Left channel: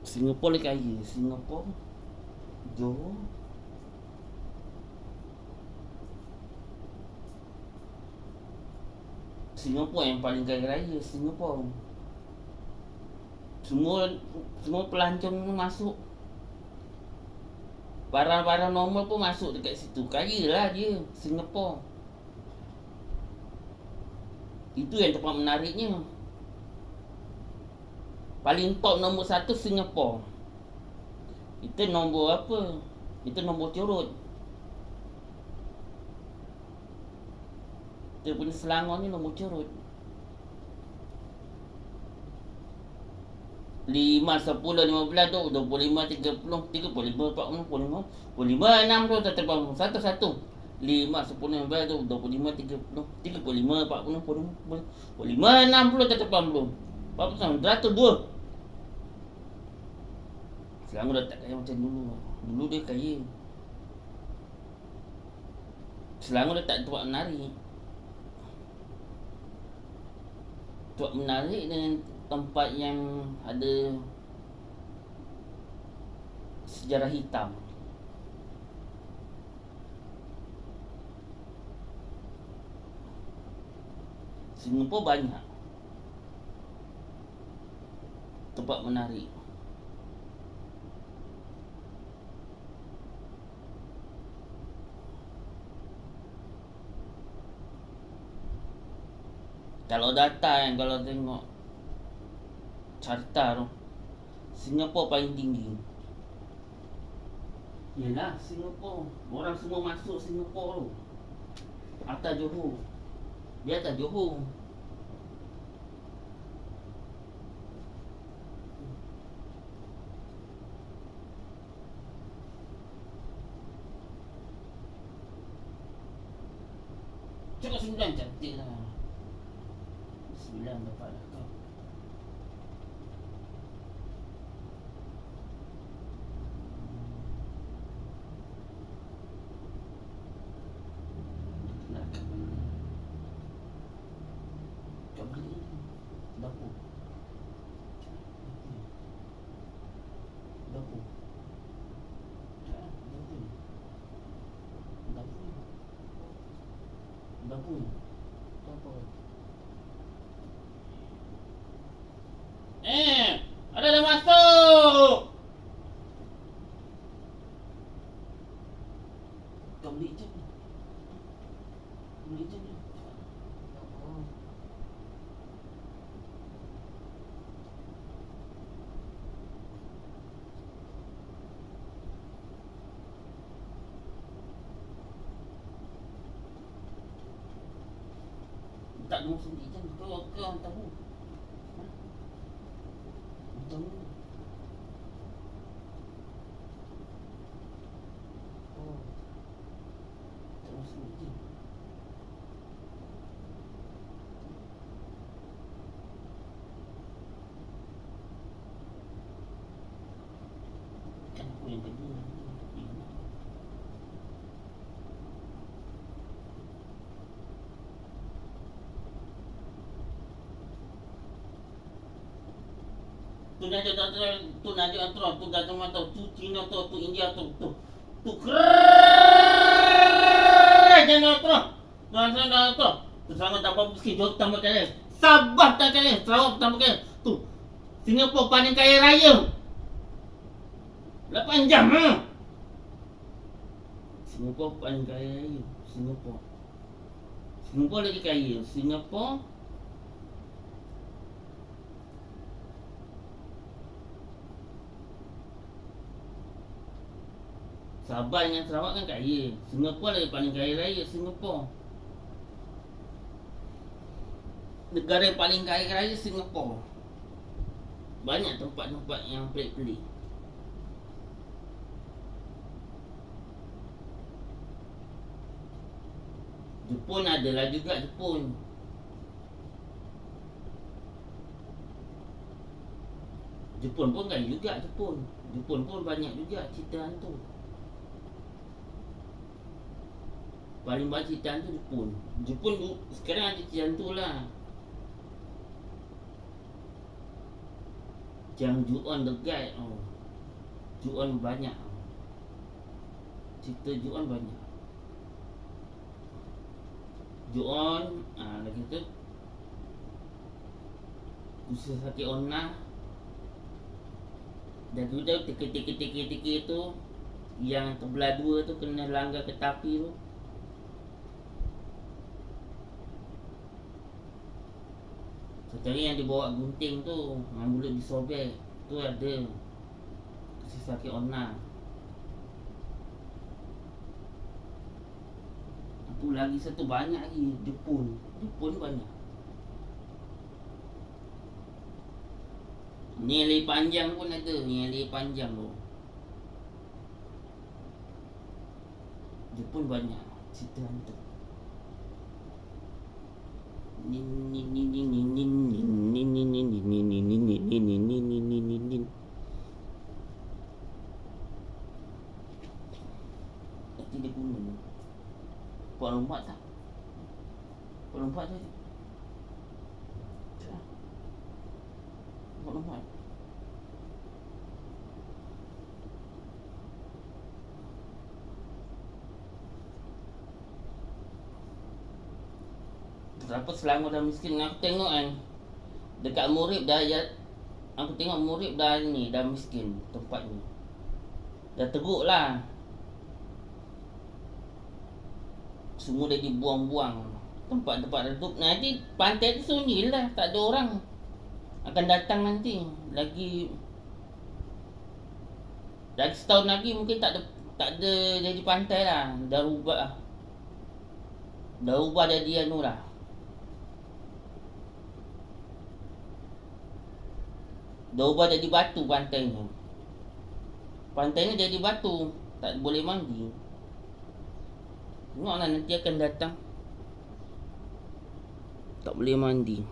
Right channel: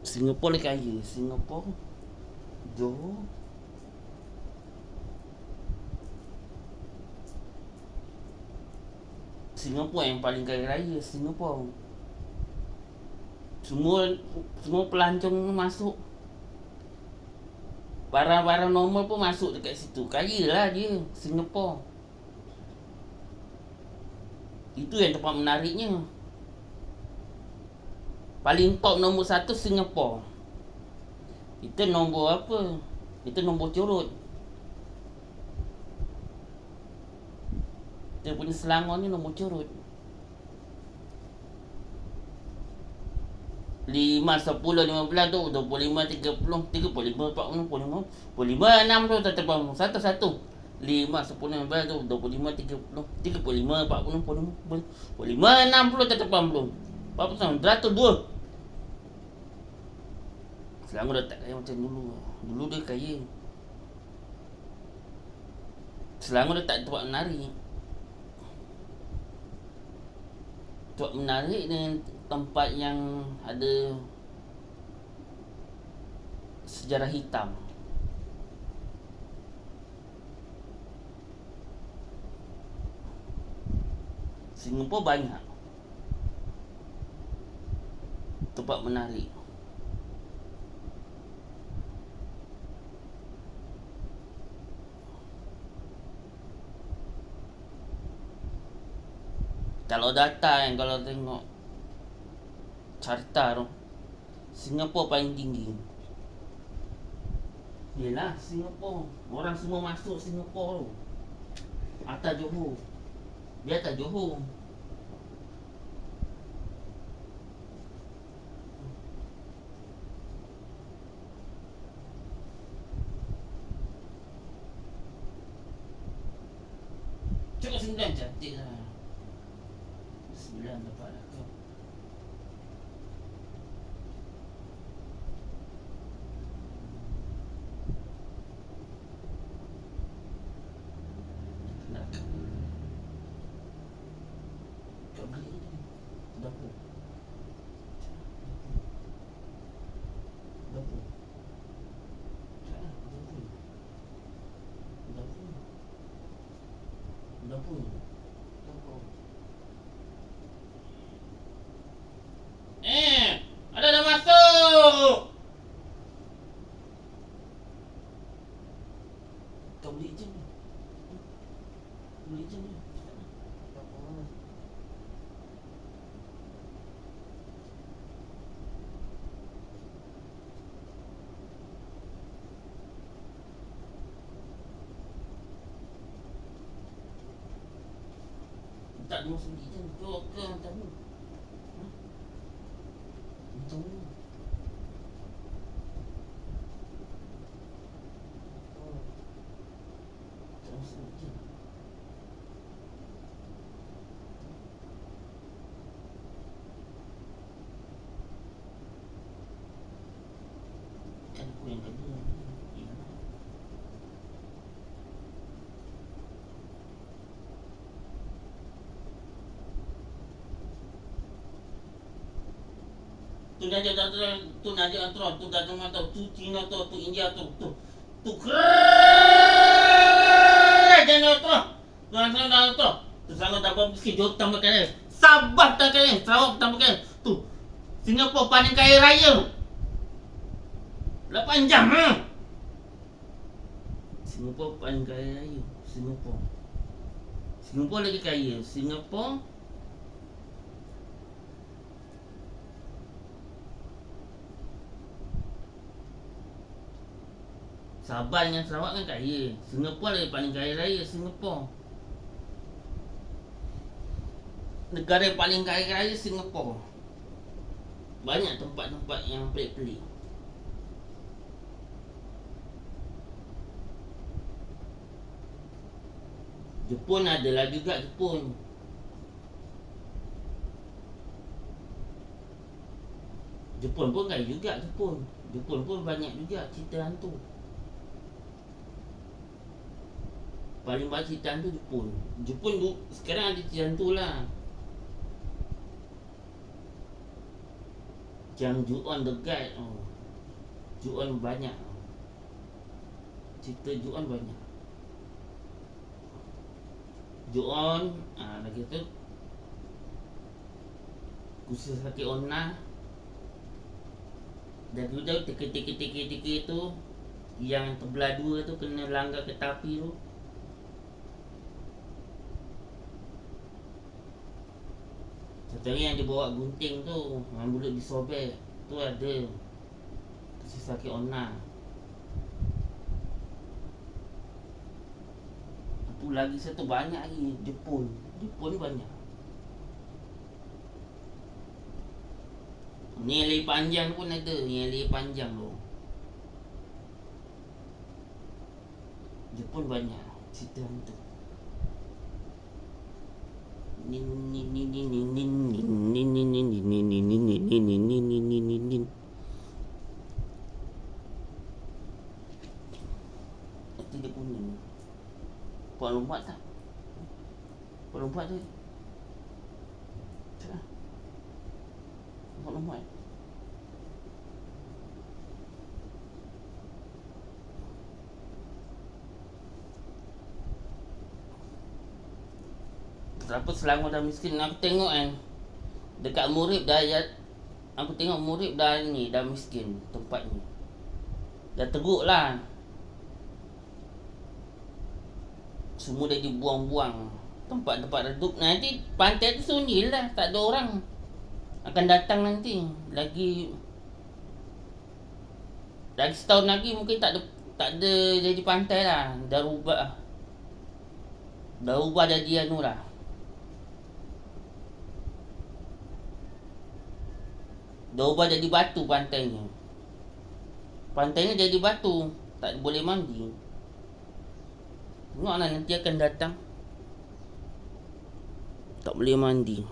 Singapura lagi kaya. Singapura, Johor. Singapura yang paling kaya raya. Singapura. Semua pelancong masuk. Barang-barang normal pun masuk dekat situ. Kaya lah dia, Singapura. Itu yang tempat menariknya. Paling top nombor 1 Singapura. Itu nombor apa? Itu nombor curut. Kita punya Selangor ni nombor curut. 5, 10, 15 tu 25, 30, 35, 40, 45, 45, 60 tetap satu-satu. 5, 10, 15 tu 25, 30, 35, 40, 45, 60 tetap 40. Berapa sama? 102. Selangor dah tak kaya macam dulu. Dulu dia kaya. Selangor dah tak tempat menarik. Tempat menarik dengan tempat yang ada sejarah hitam. Singapura banyak tempat menarik. Kalau datang, kalau tengok carta tu, Singapura paling tinggi. Yelah, Singapura. Orang semua masuk Singapura tu. Atas Johor. Dia atas Johor. Cukup 9 cantik lah. 9 dapat lah kau. Kat mana ni? Dapur. Dapur. Dapur. Ada dah masuk. Kau beli je ni. Beli je ni. Tak ada sendiri je. Kau hantar ni. Hantar ni. Tak ada sendiri je. Kan aku yang kedua. Tu Nadia antara tu dah teman tu Cina tu India tu keren jangan tu jangan dah tu sangat tak apa sikit jauh tambah kaya Sabah tak kaya Sarawak tambah kaya tu Singapura paling kaya raya 8 jam Singapura paling kaya raya Singapura lagi kaya Singapura Sabah dengan Sarawak kan kaya. Singapura lagi paling kaya raya Singapura. Negara yang paling kaya raya Singapura. Banyak tempat-tempat yang pelik-pelik. Jepun adalah juga Jepun. Jepun pun kaya juga Jepun. Jepun pun banyak juga cerita hantu. Paling banyak cerita hantu Jepun. Jepun tu sekarang ada cerita hantu lah. Macam Ju-on dekat. Ju-on banyak. Cerita Ju-on banyak. Ju-on lagi tu Usaha Sakit Ona. Dan udah teka-teka tu yang terbelah dua tu kena langgar kereta api tu. Satu hari yang dia bawa gunting tu, yang mulut disobek tu ada Usaha Sakit Ona. Tu lagi satu banyak lagi. Jepun banyak. Ni yang lebih panjang pun ada. Yang lebih panjang tu Jepun banyak cerita hantu. Itu dia punya Puan lompat tak? Puan lompat tu Puan lompat. Kenapa Selangor dah miskin? Aku tengok kan dekat Murib dah aku tengok Murib dah ni, dah miskin tempat ni. Dah teruk lah. Semua dah dibuang-buang. Tempat-tempat redup. Nanti pantai tu sunyi lah, tak ada orang akan datang nanti. Lagi setahun lagi mungkin tak ada jadi pantai lah. Dah ubah jadi anu lah. Dah ubah jadi batu pantainya. Pantainya jadi batu, tak boleh mandi. Tengoklah nanti akan datang, tak boleh mandi.